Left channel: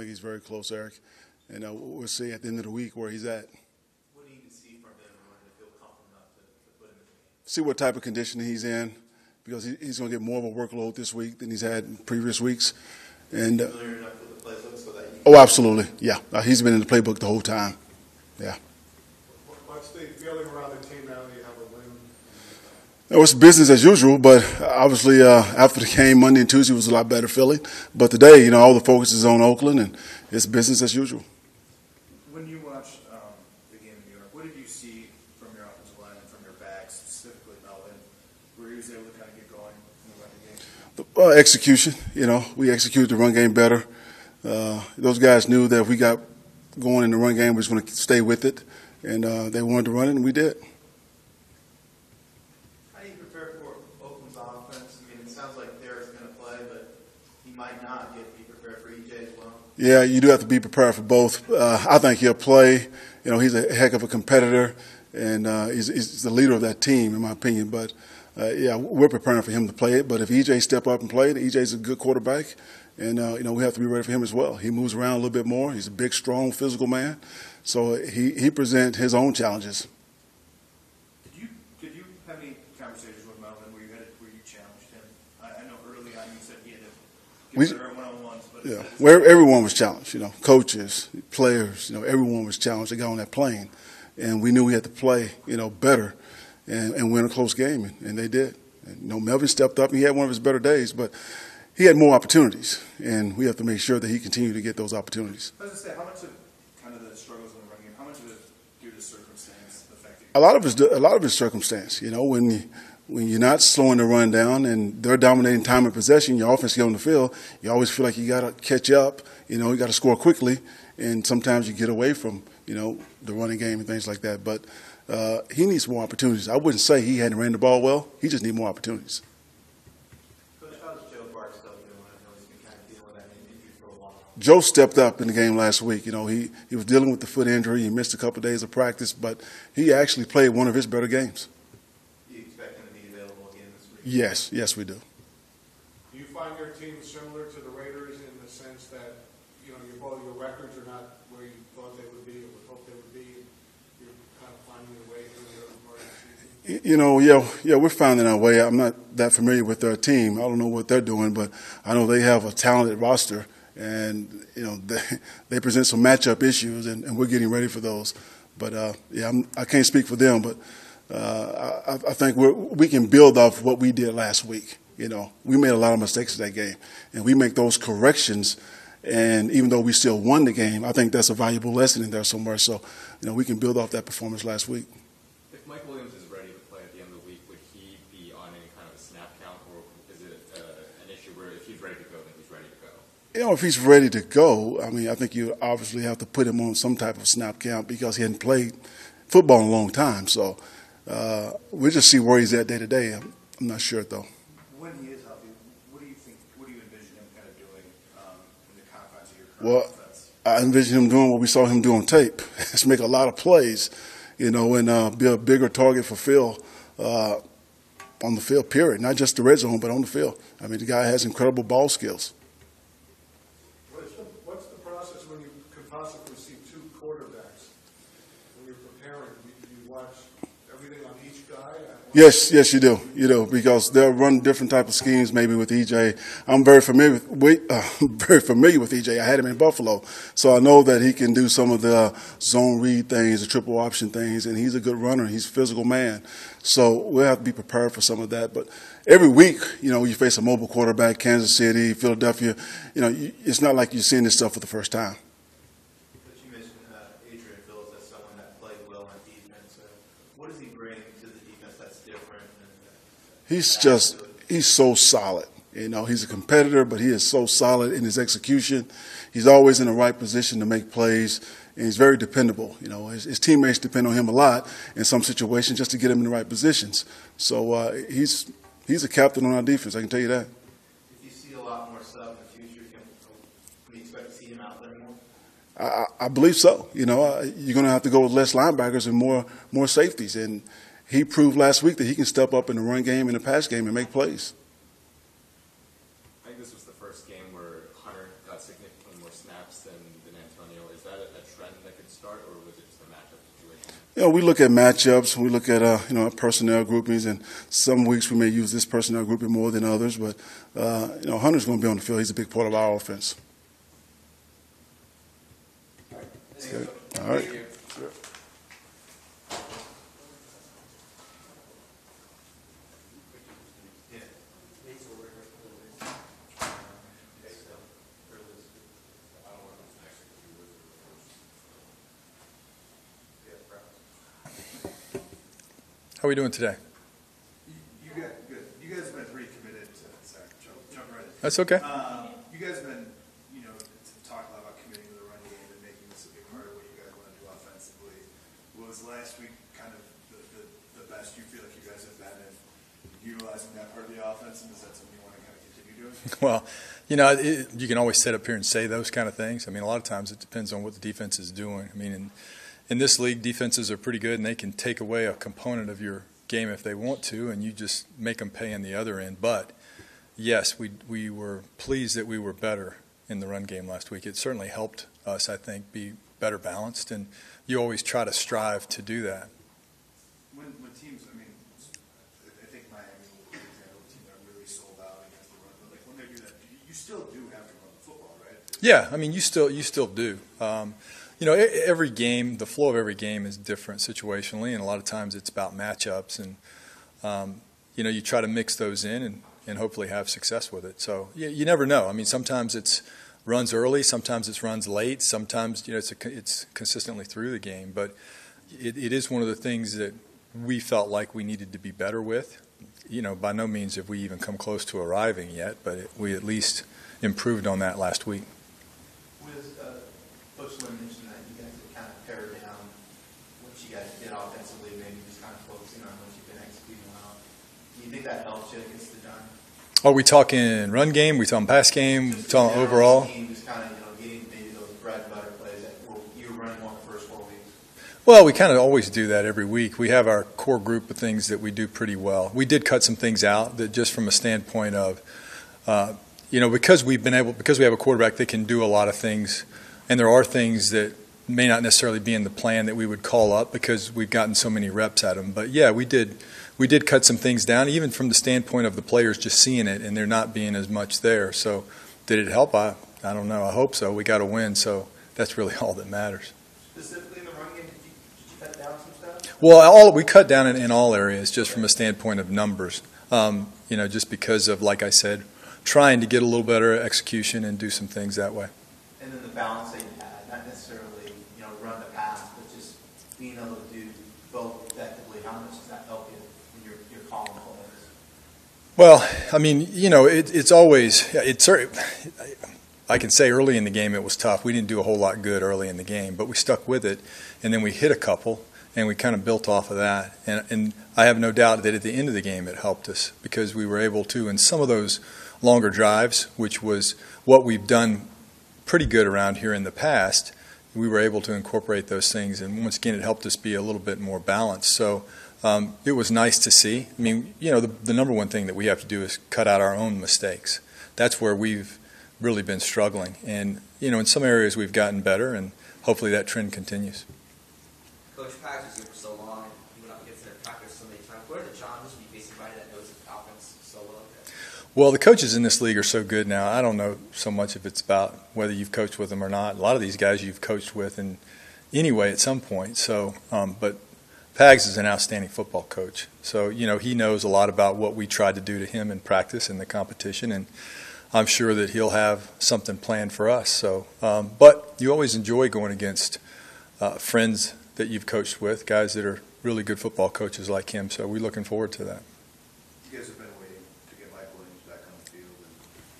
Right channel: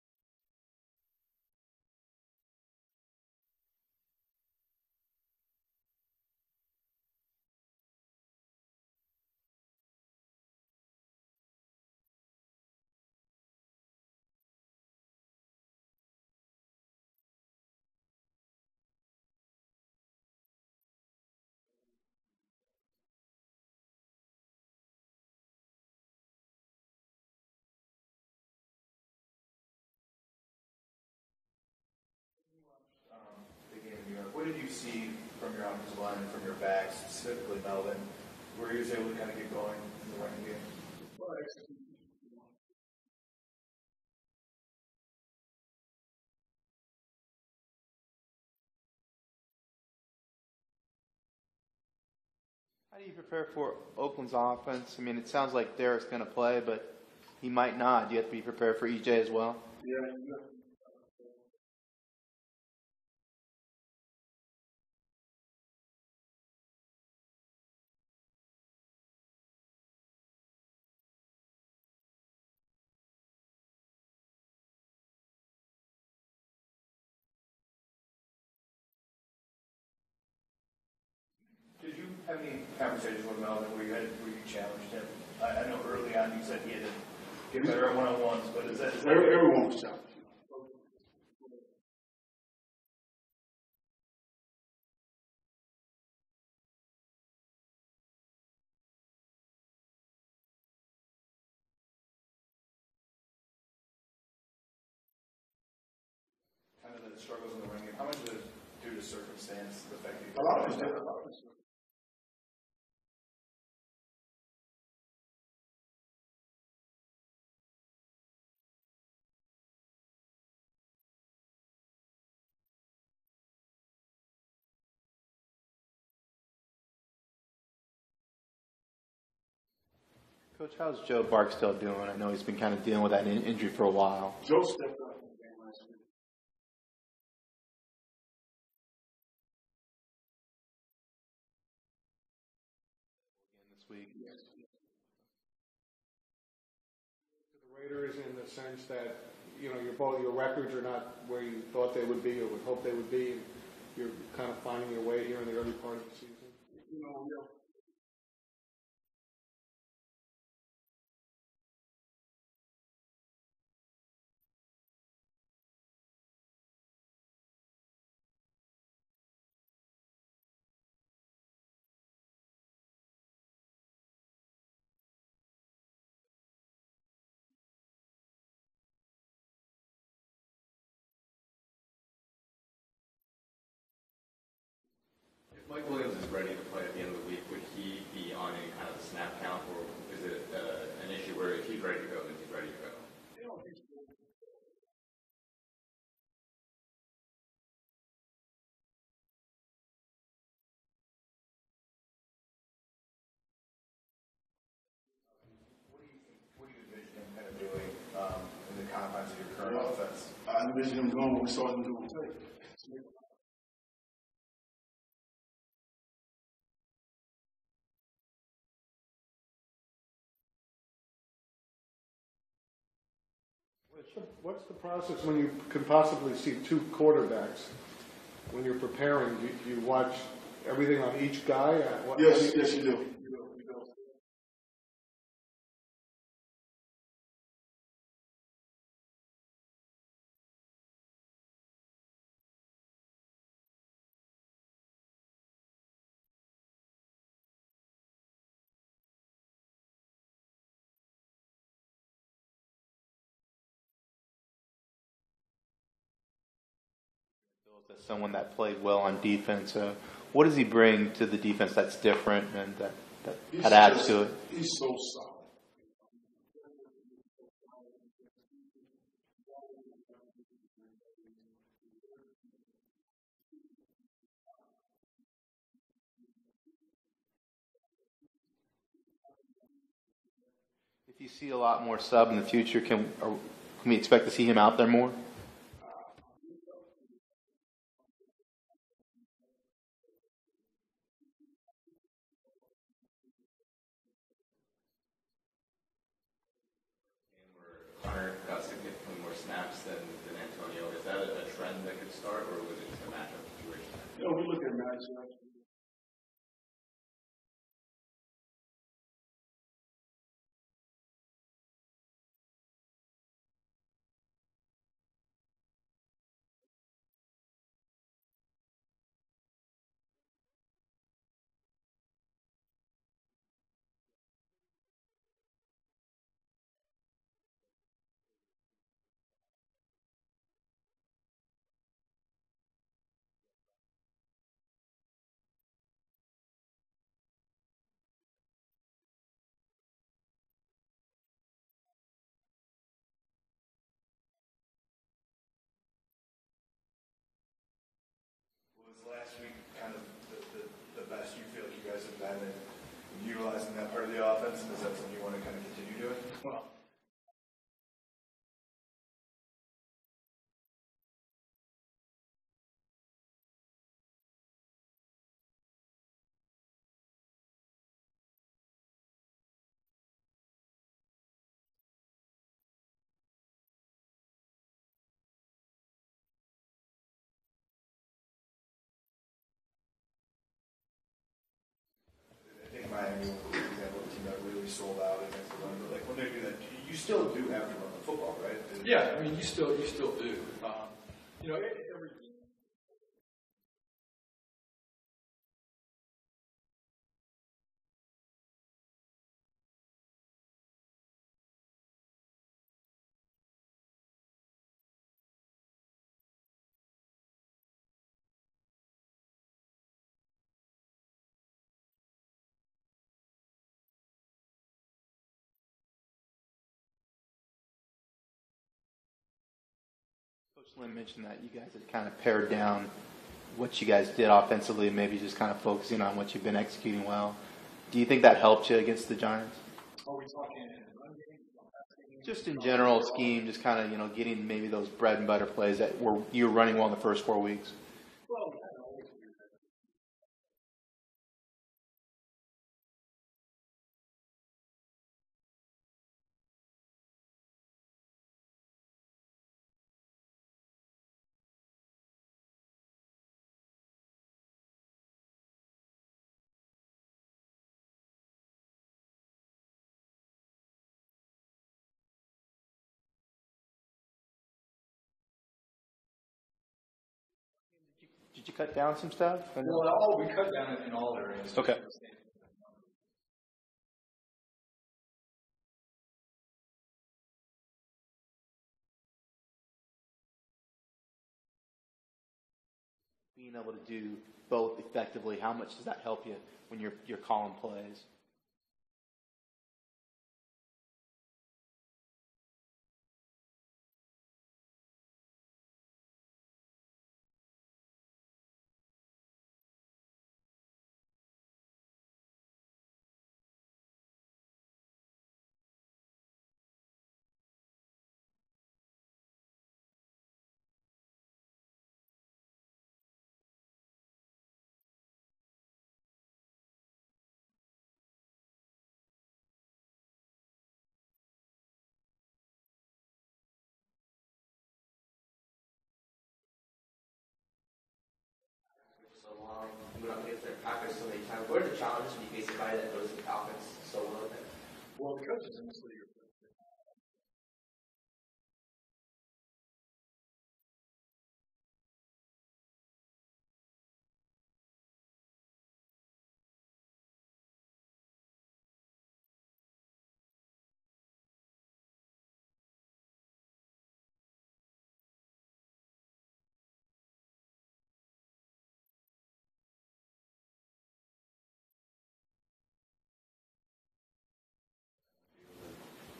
think he's very close, Eric. And we'll see at the end of the week where he's at. What do you need to see from him in order to feel comfortable enough to put him in the game? See what type of conditioning he's in, because he's going to get more of a workload this week than he's had in previous weeks. And familiar enough with the playbook so that you absolutely, yeah. He's been in the playbook the whole time. Yeah. What's the feeling around the team now that you have a win? It's business as usual, but obviously after the game Monday and Tuesday was a lot better feeling. But today, all the focus is on Oakland, and it's business as usual. When you watched the game in New York, what did you see from your offensive line and from your backs, specifically Melvin, where he was able to kind of get going in the running game? Execution. We executed the run game better. Those guys knew that if we got going in the run game, we was going to stay with it, and they wanted to run it, and we did. How do you prepare for Oakland's offense? I mean, it sounds like Derek's going to play, but he might not. Do you have to be prepared for EJ as well? Yeah, you do have to be prepared for both. I think he'll play. He's a heck of a competitor, and he's the leader of that team, in my opinion. But, yeah, we're preparing for him to play it. But if EJ step up and play, EJ's a good quarterback, and, we have to be ready for him as well. He moves around a little bit more. He's a big, strong, physical man. So he presents his own challenges. Did you have any conversations with Melvin where you challenged him? I know early on you said he had to get better at one-on-ones. But yeah. Well, everyone was challenged, coaches, players, everyone was challenged. They got on that plane. And we knew we had to play, better and win a close game, and they did. And, Melvin stepped up, and he had one of his better days, but he had more opportunities, and we have to make sure that he continued to get those opportunities. I was going to say, how much of kind of the struggles in the running game, how much of it is due to circumstance affecting? A lot of it's circumstance. When you're not slowing the run down and they're dominating time and possession, your offense get on the field, you always feel like you got to catch up. You got to score quickly, and sometimes you get away from the running game and things like that. But he needs more opportunities. I wouldn't say he hadn't ran the ball well. He just needs more opportunities. Coach, how's Joe Barksdale doing? I know he's been kind of dealing with that injury for a while. Joe stepped up in the game last week. He was dealing with the foot injury. He missed a couple of days of practice, but he actually played one of his better games. Do you expect him to be available again this week? Yes, we do. Do you find your team similar to the Raiders in the sense that, your records are not where you thought they would be or would hope they would be? You're kind of finding your way here in the early part of the season? Yeah, we're finding our way. I'm not that familiar with their team. I don't know what they're doing, but I know they have a talented roster, and they present some matchup issues, and we're getting ready for those. But I can't speak for them, but I think we can build off what we did last week. We made a lot of mistakes in that game, and we make those corrections. And even though we still won the game, I think that's a valuable lesson in there somewhere. So, we can build off that performance last week. If Mike Williams is ready to play at the end of the week, would he be on any kind of snap count, or is it an issue where if he's ready to go, then he's ready to go? If he's ready to go, I think you obviously have to put him on some type of snap count because he hadn't played football in a long time. So we'll just see where he's at day to day. I'm not sure, though. When he is healthy, what do you envision him kind of doing in the confines of your current offense? I envision him doing what we saw him do on tape. Just make a lot of plays, and be a bigger target for Phil on the field, period. Not just the red zone, but on the field. The guy has incredible ball skills. What's the process when you can possibly see two quarterbacks? When you're preparing, do you watch everything on each guy? Yes, you do. Because they'll run different type of schemes maybe with EJ. I'm very familiar with EJ. I had him in Buffalo. So I know that he can do some of the zone read things, the triple option things, and he's a good runner. He's a physical man. So we'll have to be prepared for some of that. But every week, you face a mobile quarterback, Kansas City, Philadelphia. It's not like you're seeing this stuff for the first time. But you mentioned Adrian Phillips as someone that played well on defense. What does he bring to the defense that's different and that adds to it? He's so solid. He's a competitor, but he is so solid in his execution. He's always in the right position to make plays, and he's very dependable. His teammates depend on him a lot in some situations just to get him in the right positions. So he's a captain on our defense, I can tell you that. If you see a lot more sub in the future, can we expect to see him out there more? I believe so. You're going to have to go with less linebackers and more safeties. And he proved last week that he can step up in the run game and the pass game and make plays. I think this was the first game where Hunter got significantly more snaps than trend that could start, or was it just a matchup situation? You know, we look at matchups. We look at personnel groupings, and some weeks we may use this personnel grouping more than others. But Hunter's going to be on the field. He's a big part of our offense. Good. All right. How are we doing today? Good. You guys have been pretty committed to. Sorry, jump right in. That's okay. You guys have been, talking a lot about committing to the run game and making this a big part of what you guys want to do offensively. Was last week kind of the best you feel like you guys have been in utilizing that part of the offense, and is that something you want to kind of continue doing? Well, you can always sit up here and say those kind of things. I mean, a lot of times it depends on what the defense is doing. I mean, in this league, defenses are pretty good, and they can take away a component of your game if they want to, and you just make them pay in the other end. But, yes, we were pleased that we were better in the run game last week. It certainly helped us, I think, be better balanced, and you always try to strive to do that. When teams, I think Miami was an example of a team that really sold out against the run, but when they do that, you still do have to run the football, right? Yeah, I mean, you still do. Every game, the flow of every game is different situationally, and a lot of times it's about matchups, and you try to mix those in and hopefully have success with it. So you never know. I mean, sometimes it's runs early, sometimes it's runs late, sometimes it's consistently through the game. But it is one of the things that we felt like we needed to be better with. By no means have we even come close to arriving yet, but we at least improved on that last week. Coach Lynn mentioned that you guys have kind of pared down what you guys did offensively, maybe just kind of focusing on what you've been executing well. Do you think that helped you against the Giants? Are we talking run game? We talking pass game? We Just talking general overall? Scheme, just kind of getting maybe those bread and butter plays that you were running well in the first 4 weeks. Well, we kind of always do that every week. We have our core group of things that we do pretty well. We did cut some things out that just from a standpoint of, because we have a quarterback that can do a lot of things, and there are things that may not necessarily be in the plan that we would call up because we've gotten so many reps at them. But yeah, we did cut some things down, even from the standpoint of the players just seeing it and there not being as much there. So did it help? I don't know. I hope so. We got to win, so that's really all that matters. Specifically in the run game, did you cut down some stuff? Well, we cut down in all areas just from a standpoint of numbers. Just because of, like I said, trying to get a little better execution and do some things that way. And then the balance that you had, not necessarily run the pass, but just being able to do both effectively. How much does that help you when you're calling plays? Well, I mean, it's always I can say early in the game it was tough. We didn't do a whole lot good early in the game, but we stuck with it, and then we hit a couple, and we kind of built off of that. And I have no doubt that at the end of the game it helped us because we were able to, in some of those longer drives, which was what we've done pretty good around here in the past, we were able to incorporate those things, and once again it helped us be a little bit more balanced. So it was nice to see. I mean, the number one thing that we have to do is cut out our own mistakes. That's where we've really been struggling, and in some areas we've gotten better, and hopefully that trend continues. Coach, practice here for so long, you went up against their practice so many times. What are the challenges when you face somebody that knows the offense so well? Well, the coaches in this league are so good now. I don't know so much if it's about whether you've coached with them or not. A lot of these guys you've coached with in anyway at some point. So, but Pags is an outstanding football coach. So, he knows a lot about what we tried to do to him in practice and the competition, and I'm sure that he'll have something planned for us. So, but you always enjoy going against friends that you've coached with, guys that are really good football coaches like him. So we're looking forward to that. You guys have been waiting to get Mike Williams back on the field, and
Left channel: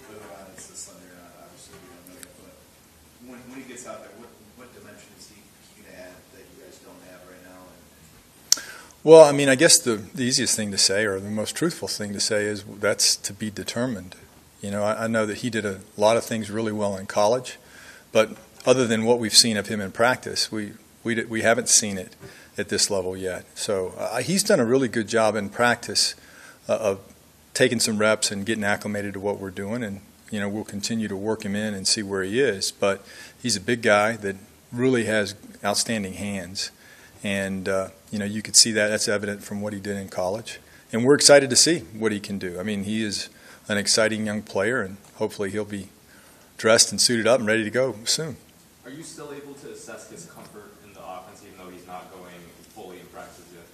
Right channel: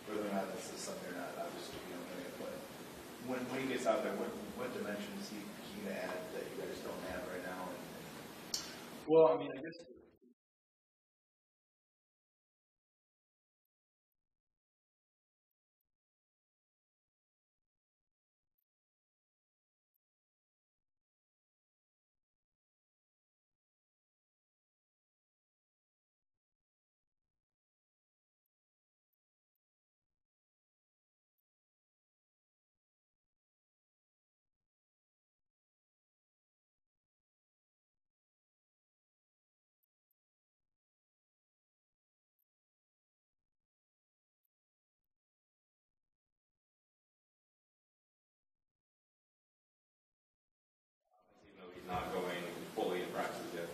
whether or not it's this Sunday or not, obviously we don't know yet. But when he gets out there, what dimension is he going to add that you guys don't have right now? Well, I mean, I guess the easiest thing to say, or the most truthful thing to say, is that's to be determined. I know that he did a lot of things really well in college, but other than what we've seen of him in practice, we haven't seen it at this level yet. So he's done a really good job in practice of taking some reps and getting acclimated to what we're doing, and we'll continue to work him in and see where he is. But he's a big guy that really has outstanding hands. And, you could see that. That's evident from what he did in college. And we're excited to see what he can do. I mean, he is an exciting young player, and hopefully he'll be dressed and suited up and ready to go soon. Are you still able to assess his comfort in the offense, even though he's not going fully in practice yet?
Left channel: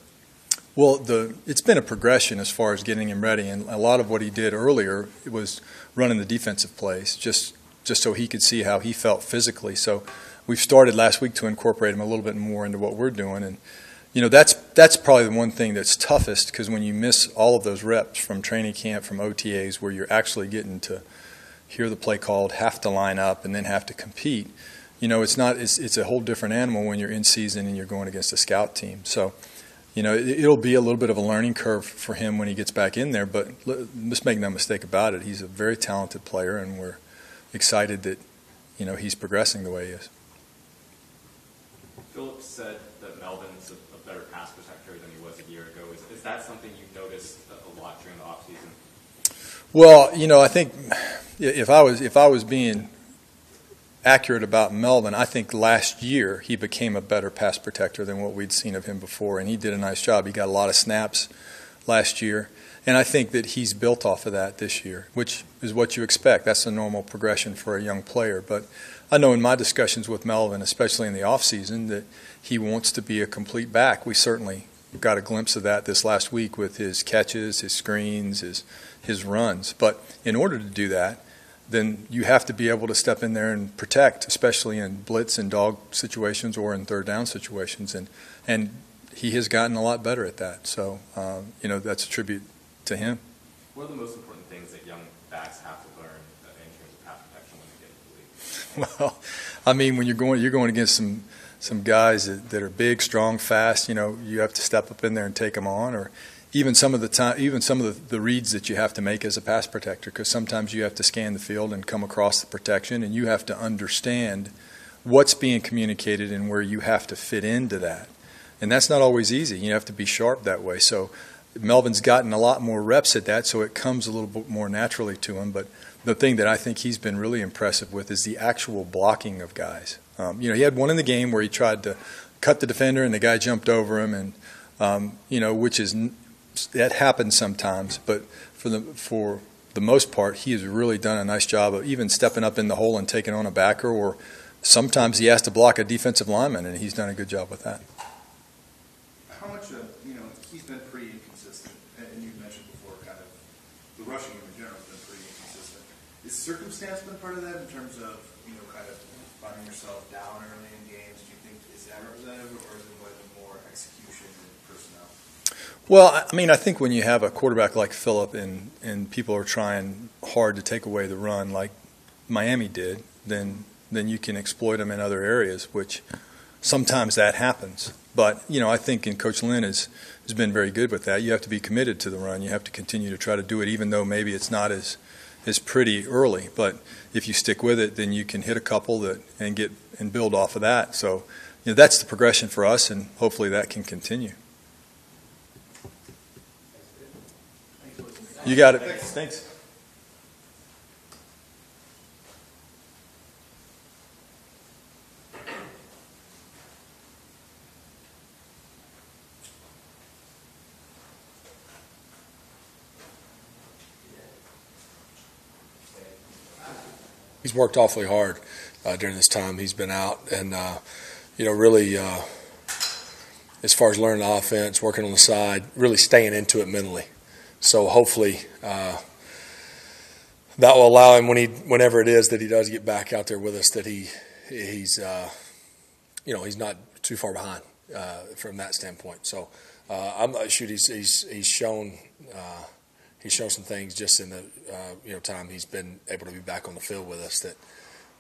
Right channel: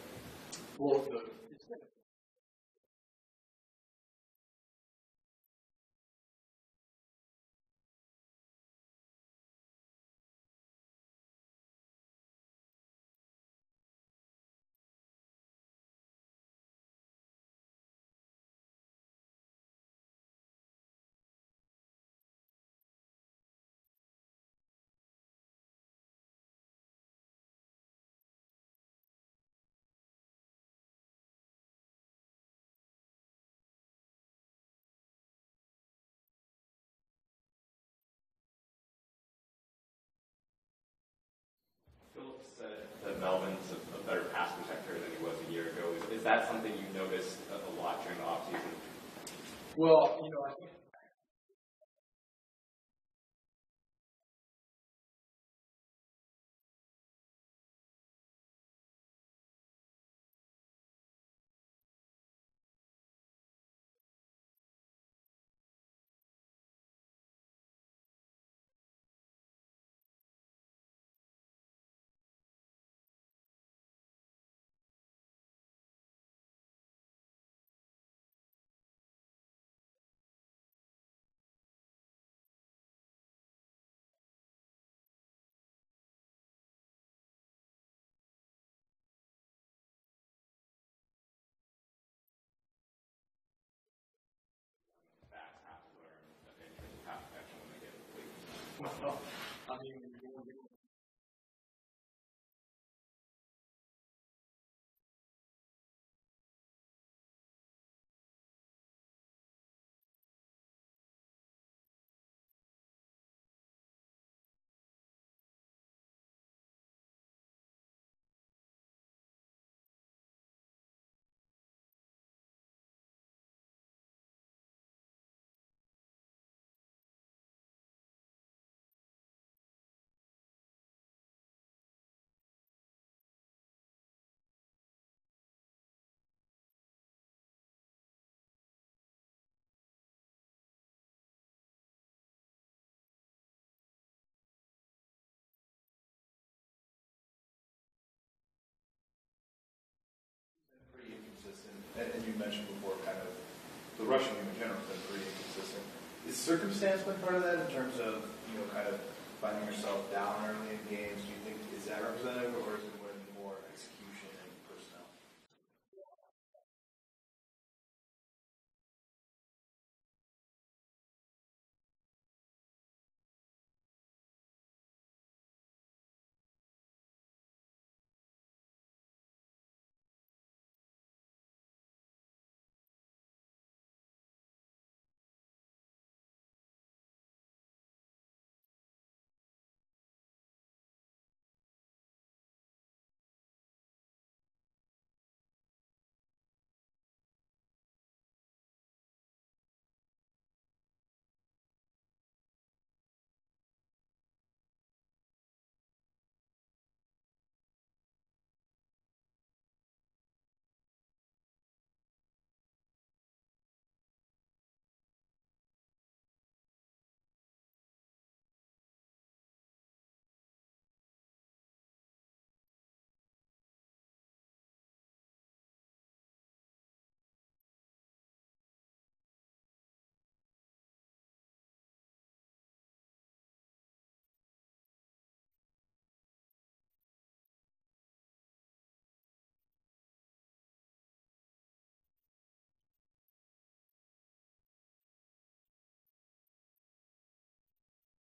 Well, it's been a progression as far as getting him ready, and a lot of what he did earlier was running the defensive plays, just so he could see how he felt physically. So we've started last week to incorporate him a little bit more into what we're doing, and that's probably the one thing that's toughest, because when you miss all of those reps from training camp, from OTAs, where you're actually getting to hear the play called, have to line up, and then have to compete, it's a whole different animal when you're in season and you're going against a scout team. So, it'll be a little bit of a learning curve for him when he gets back in there, but let's make no mistake about it. He's a very talented player, and we're excited that, he's progressing the way he is. Philip said that Melvin's a better pass protector than he was a year ago. Is that something you noticed a lot during the offseason? Well, I think if I was being accurate about Melvin, I think last year he became a better pass protector than what we'd seen of him before, and he did a nice job. He got a lot of snaps last year, and I think that he's built off of that this year, which is what you expect. That's a normal progression for a young player. But I know in my discussions with Melvin, especially in the offseason, that he wants to be a complete back. We certainly got a glimpse of that this last week with his catches, his screens, his runs. But in order to do that, then you have to be able to step in there and protect, especially in blitz and dog situations or in third down situations. And he has gotten a lot better at that. So, that's a tribute to him. What are the most important things that young backs have to learn in terms of pass protection when they get into the league? Well, I mean, when you're going against some guys that are big, strong, fast, you have to step up in there and take them on, or even some of the reads that you have to make as a pass protector, because sometimes you have to scan the field and come across the protection, and you have to understand what's being communicated and where you have to fit into that. And that's not always easy. You have to be sharp that way. So Melvin's gotten a lot more reps at that, so it comes a little bit more naturally to him. But the thing that I think he's been really impressive with is the actual blocking of guys. He had one in the game where he tried to cut the defender and the guy jumped over him, and which is that happens sometimes. But for the most part, he has really done a nice job of even stepping up in the hole and taking on a backer, or sometimes he has to block a defensive lineman, and he's done a good job with that. How much of, he's been pretty inconsistent, and you mentioned before kind of the rushing game in general has been pretty inconsistent. Is circumstance been part of that in terms of, kind of finding yourself down early in games? Do you think, is that representative, or is it more execution and personnel? Well, I mean, I think when you have a quarterback like Phillip and people are trying hard to take away the run like Miami did, then you can exploit them in other areas, which sometimes that happens. But, I think Coach Lynn has been very good with that. You have to be committed to the run. You have to continue to try to do it, even though maybe it's not as pretty early. But if you stick with it, then you can hit a couple and build off of that. So, that's the progression for us, and hopefully that can continue. You got it. Thanks. He's worked awfully hard during this time he's been out, and really, as far as learning the offense, working on the side, really staying into it mentally. So hopefully that will allow him whenever it is that he does get back out there with us, that he's not too far behind from that standpoint. So he's shown. He's shown some things just in the time he's been able to be back on the field with us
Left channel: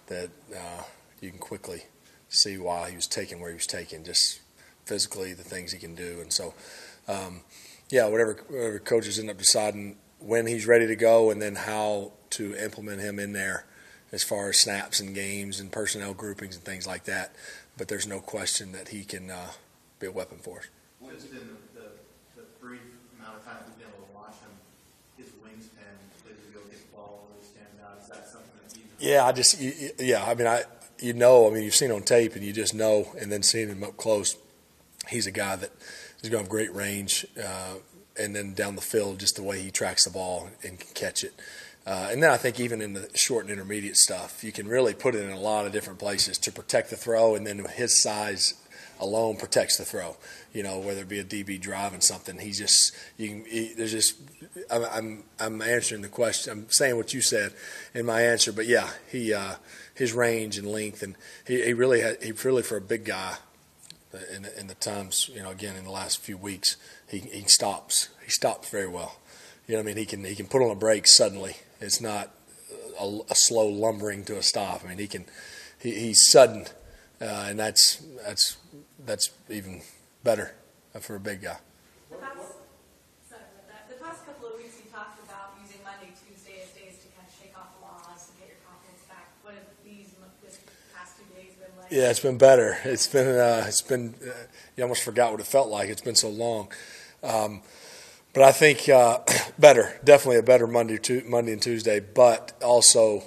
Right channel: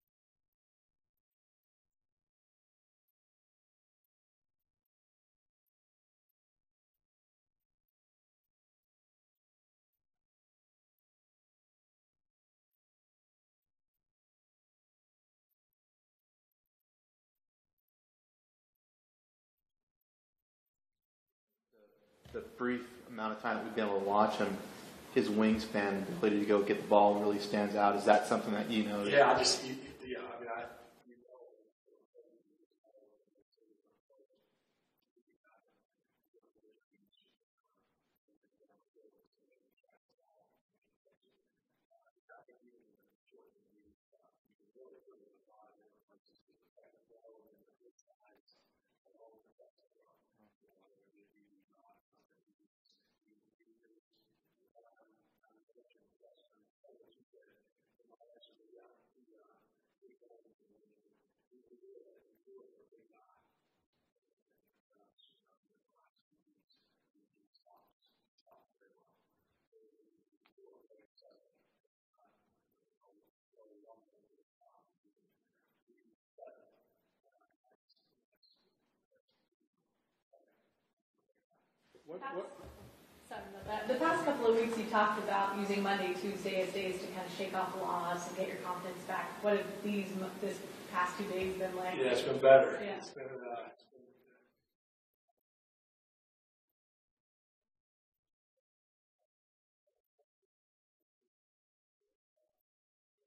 that you can quickly see why he was taken where he was taken, just physically the things he can do. And so, whatever coaches end up deciding when he's ready to go, and then how to implement him in there as far as snaps and games and personnel groupings and things like that. But there's no question that he can be a weapon for us. Just in the brief amount of time we've been able to watch him, his wingspan, ability to go get the ball really stands out. Is that something that you know? Yeah, you know, I mean, you've seen on tape and you just know, and then seeing him up close, he's a guy that is going to have great range, and then down the field, just the way he tracks the ball and can catch it. And then I think even in the short and intermediate stuff, you can really put it in a lot of different places to protect the throw, and then his size alone protects the throw. You know, whether it be a DB driving something, I'm answering the question. I'm saying what you said in my answer, but yeah, his range and length, and he really for a big guy in the times, you know, again in the last few weeks, he stops very well. You know what I mean? He can put on a brake suddenly. It's not a slow lumbering to a stop. I mean, he's sudden, and that's even better for a big guy. The past couple of weeks, you talked about using Monday, Tuesday as days to kind of shake off the loss and get your confidence back. What have this past 2 days been like? Yeah, it's been better. It's been you almost forgot what it felt like. It's been so long. But I think better, definitely a better Monday and Tuesday, but also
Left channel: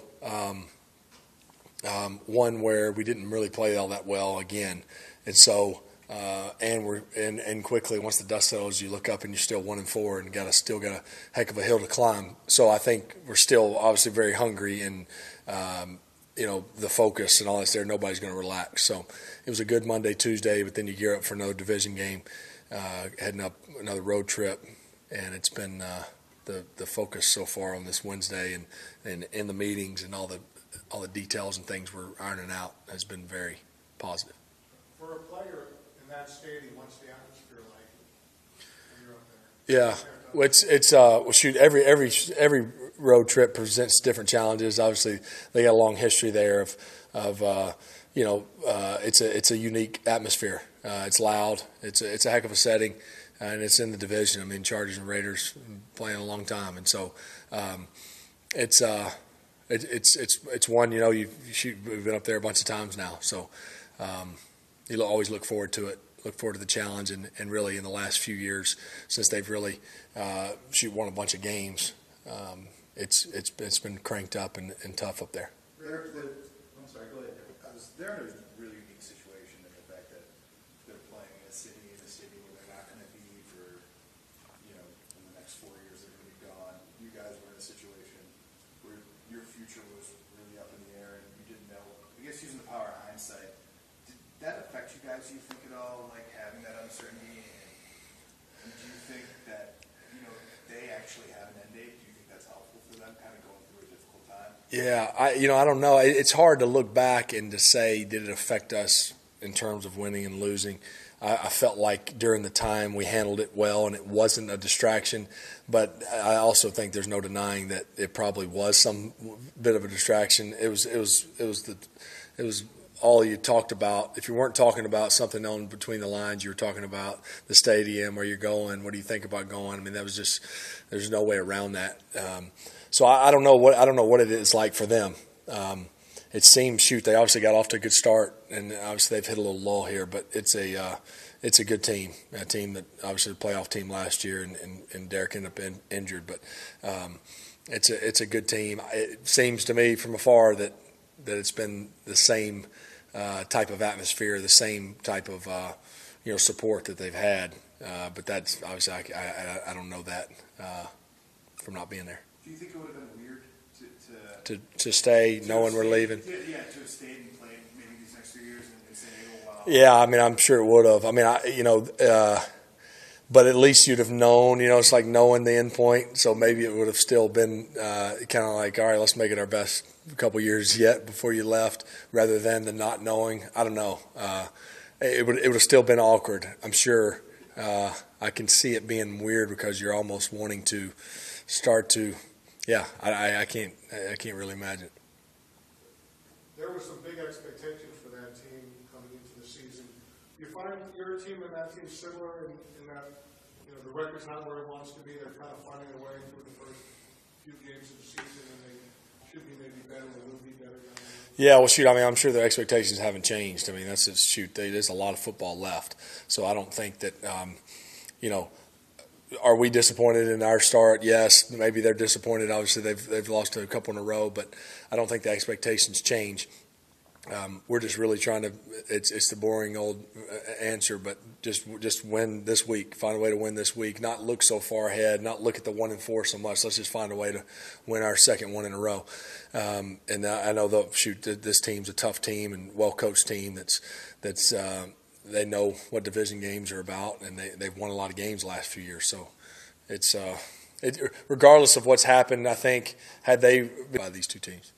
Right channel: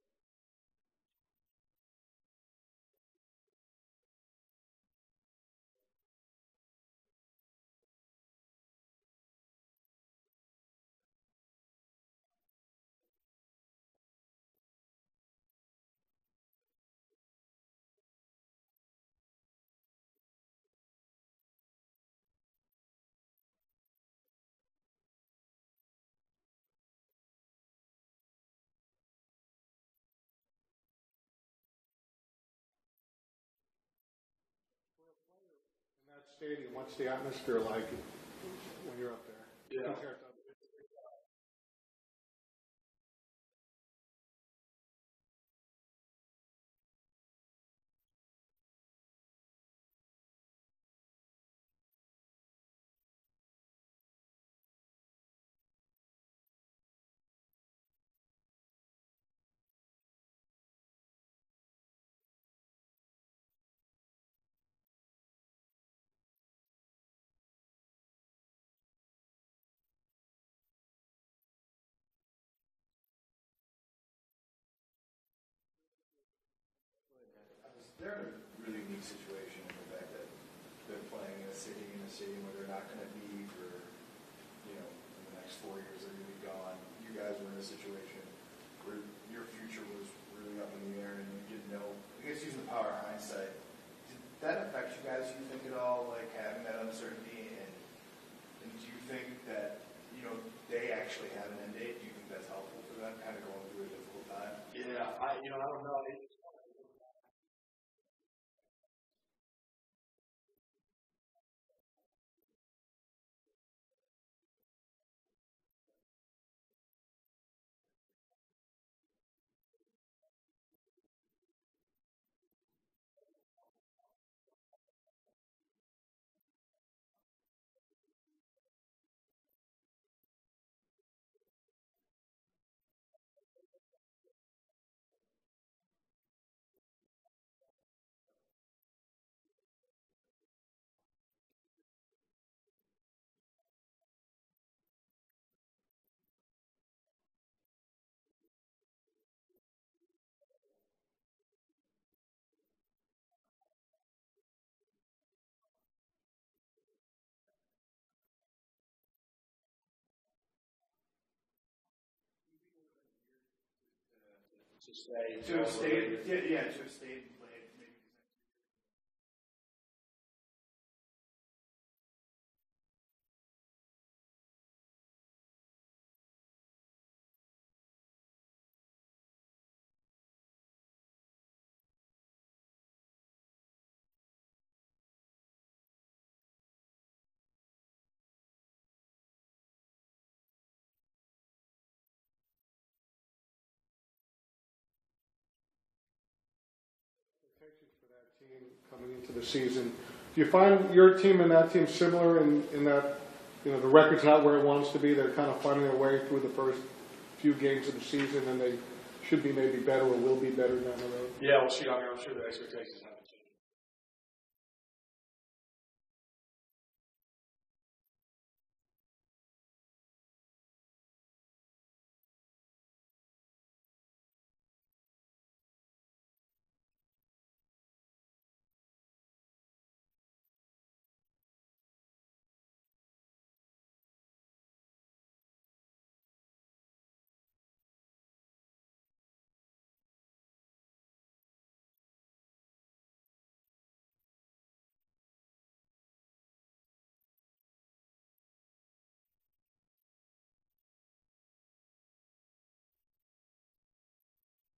one where we didn't really play all that well again, and so and quickly once the dust settles, you look up and you're still 1-4 and still got a heck of a hill to climb. So I think we're still obviously very hungry, and you know, the focus and all that's there. Nobody's going to relax. So it was a good Monday, Tuesday, but then you gear up for another division game, heading up another road trip. And it's been the focus so far on this Wednesday, and in the meetings and all the details and things we're ironing out has been very positive. For a player in that stadium, what's the atmosphere like when you're up there? Yeah, well, it's well, shoot, every road trip presents different challenges. Obviously, they got a long history there of you know, it's a unique atmosphere. It's loud. It's a heck of a setting. And it's in the division. I mean, Chargers and Raiders playing a long time, and so it's one, you know, we've been up there a bunch of times now, so you always look forward to it. Look forward to the challenge, and really in the last few years since they've really won a bunch of games, it's been cranked up and tough up there. I'm sorry, go ahead. They're in a really unique situation in the fact that they're playing in a stadium where they're not going to be for, you know, in the next 4 years they're going to be gone. You guys were in a situation where your future was really up in the air and you didn't know. I guess using the power of hindsight, did that affect you guys, you think, at all, like having that uncertainty? And do you think that, you know, they actually have an end date? Do you think that's helpful for them, kind of going through a difficult time? Yeah, I don't know. It's hard to look back and to say, did it affect us in terms of winning and losing? I felt like during the time we handled it well and it wasn't a distraction, but I also think there's no denying that it probably was some bit of a distraction. It was all you talked about. If you weren't talking about something on between the lines, you were talking about the stadium, where you're going, what do you think about going? I mean, that was just, there's no way around that. So I don't know what it is like for them. It seems, they obviously got off to a good start, and obviously they've hit a little lull here, but it's a good team, a team that obviously the playoff team last year, and Derek ended up injured, but it's a good team. It seems to me from afar that it's been the same type of atmosphere, the same type of support that they've had, but that's obviously I don't know that from not being there. Do you think it would have been weird to stay knowing we're leaving? Yeah, to have stayed and played maybe these next 2 years and say, oh, wow. Yeah, I mean, I'm sure it would have. I mean, but at least you'd have known, it's like knowing the end point. So maybe it would have still been kind of like, all right, let's make it our best couple years yet before you left, rather than the not knowing. I don't know. It would have still been awkward, I'm sure. I can see it being weird because you're almost wanting to start to. Yeah, I can't really imagine. There were some big expectations for that team coming into the season. Do you find your team and that team similar in that, the record's not where it wants to be? They're kind of finding their way through the first few games of the season, and they should be maybe better or will be better down the road? Yeah, well, shoot, I mean, I'm sure their expectations haven't changed. I mean, there's a lot of football left. So I don't think that, are we disappointed in our start? Yes, maybe they're disappointed. Obviously, they've lost a couple in a row, but I don't think the expectations change. we're just really trying to. It's the boring old answer, but just win this week. Find a way to win this week. Not look so far ahead. Not look at the 1-4 so much. Let's just find a way to win our second one in a row. And I know this team's a tough team and well coached team. That's they know what division games are about, and they've won a lot of games the last few years. So it's regardless of what's happened, I think had they been by these two teams.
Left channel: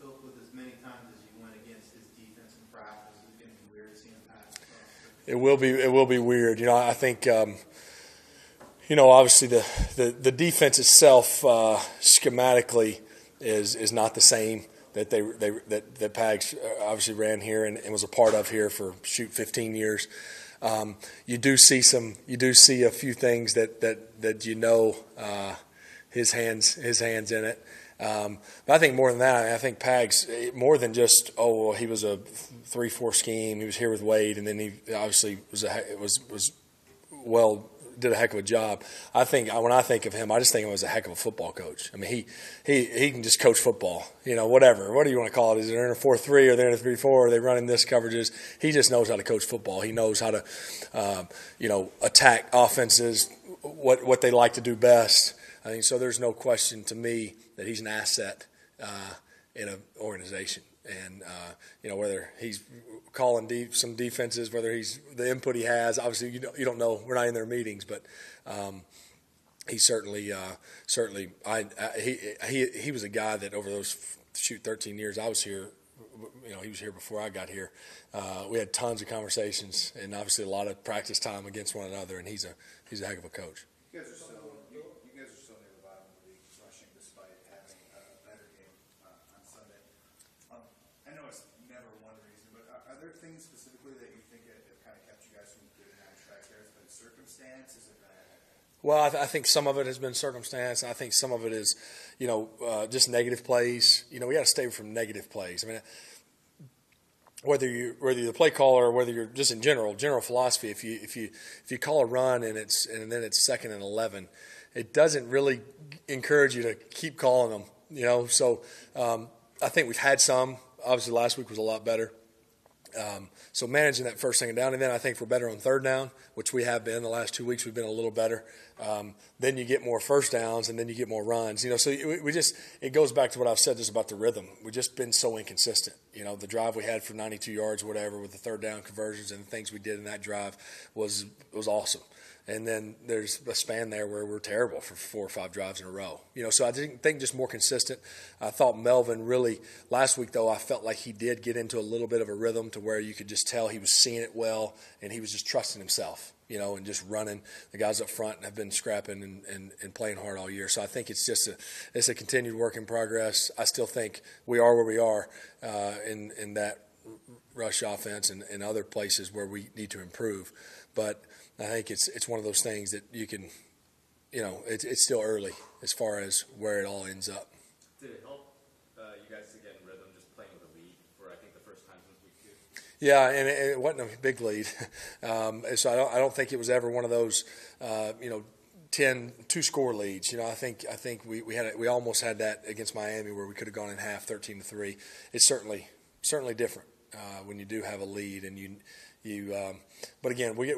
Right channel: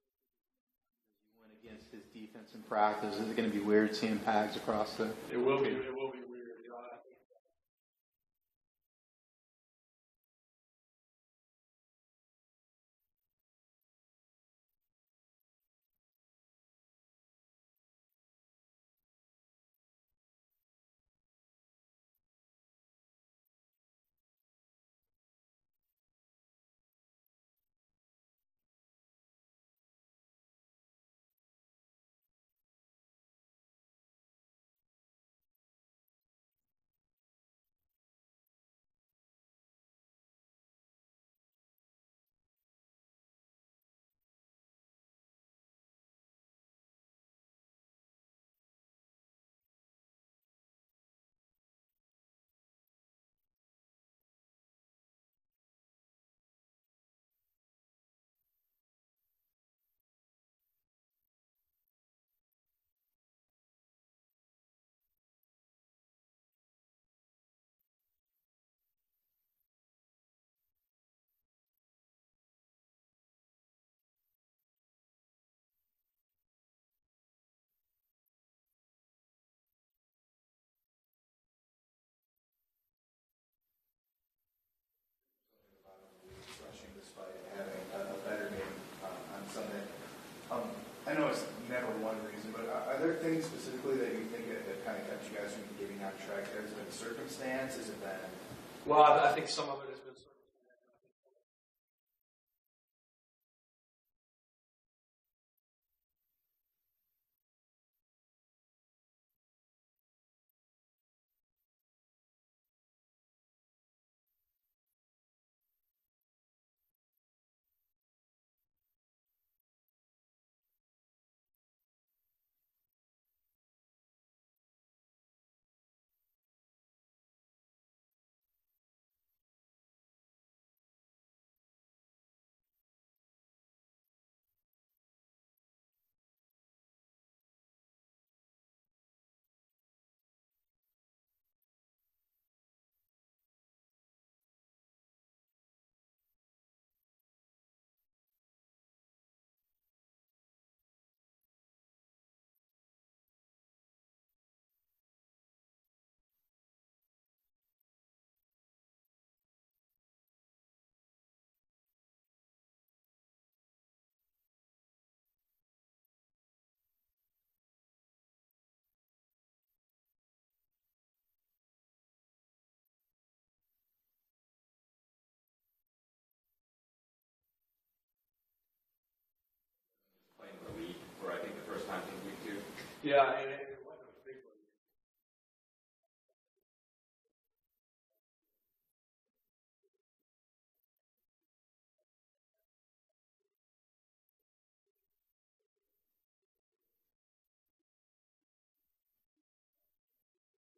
With as many times as you went against his defense in practice, is it going to be weird seeing Pags across the? It will be weird. I think obviously the defense itself schematically is not the same that that Pags obviously ran here and was a part of here for 15 years. You do see a few things that his hands in it. But I think more than that, I think Pags, more than just, he was a 3-4 scheme. He was here with Wade, and then he obviously did a heck of a job. I think when I think of him, I just think of him as a heck of a football coach. I mean, he can just coach football, whatever. What do you want to call it? Is it in a 4-3 or they're in a 3-4? Are they running this coverages? He just knows how to coach football. He knows how to, attack offenses, what they like to do best. I think so. There's no question to me that he's an asset in an organization, and whether he's calling some defenses, whether he's the input he has. Obviously, you don't know. We're not in their meetings, but he certainly he was a guy that over those 13 years I was here. He was here before I got here. We had tons of conversations and obviously a lot of practice time against one another. And he's a heck of a coach. You guys are still near the bottom of the league, rushing despite having a better game on Sunday. I know it's never one reason, but are there things specifically that you think that kind of kept you guys from getting on track? Has it been circumstance? Has it been? Well, I think some of it has been circumstance. I think some of it is, just negative plays. We got to stay away from negative plays. I mean, whether you're the play caller or whether you're just in general philosophy, if you call a run and then it's 2nd and 11, it doesn't really encourage you to keep calling them. So I think we've had some. Obviously, last week was a lot better. So managing that first, second down, and then I think we're better on 3rd down, which we have been. The last 2 weeks we've been a little better. Then you get more first downs, and then you get more runs. So it goes back to what I've said just about the rhythm. We've just been so inconsistent. The drive we had for 92 yards, or whatever, with the 3rd down conversions and the things we did in that drive was awesome. And then there's a span there where we're terrible for 4 or 5 drives in a row. So I think just more consistent. I thought Melvin really, last week though, I felt like he did get into a little bit of a rhythm to where you could just tell he was seeing it well and he was just trusting himself, and just running. The guys up front have been scrapping and playing hard all year. So I think it's just a continued work in progress. I still think we are where we are in that rush offense and other places where we need to improve. But I think it's one of those things that you can, it's still early as far as where it all ends up. Did it help you guys to get in rhythm just playing the lead for I think the first time in week 2? Yeah, and it wasn't a big lead, so I don't think it was ever one of those 10 2-score leads. I think we almost had that against Miami where we could have gone in half 13-3. It's certainly different when you do have a lead and you. But again, we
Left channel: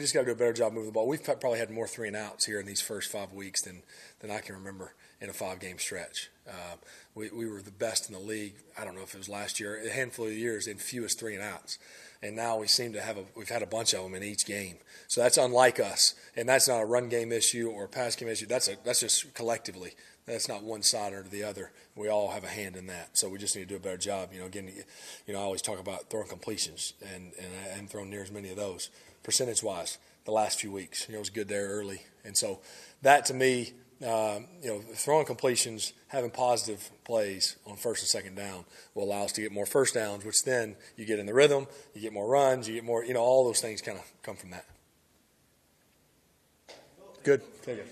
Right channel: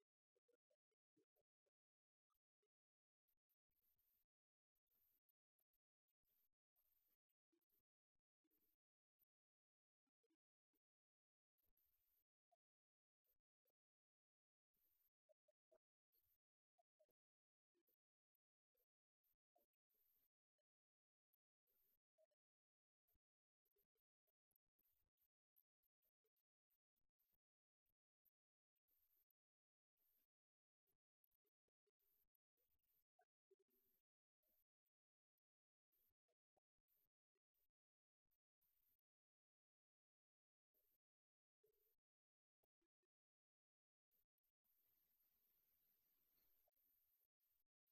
just got to do a better job moving the ball. We've probably had more 3-and-outs here in these first 5 weeks than I can remember in a 5-game stretch. We were the best in the league. I don't know if it was last year, a handful of years in fewest 3-and-outs, and now we seem to we've had a bunch of them in each game. So that's unlike us, and that's not a run game issue or a pass game issue. That's just collectively. That's not one side or the other. We all have a hand in that. So we just need to do a better job. Again, I always talk about throwing completions, and I haven't thrown near as many of those percentage-wise the last few weeks. It was good there early. And so that to me, throwing completions, having positive plays on 1st and 2nd down will allow us to get more first downs, which then you get in the rhythm, you get more runs, you get more, all those things kind of come from that. Good. Take it.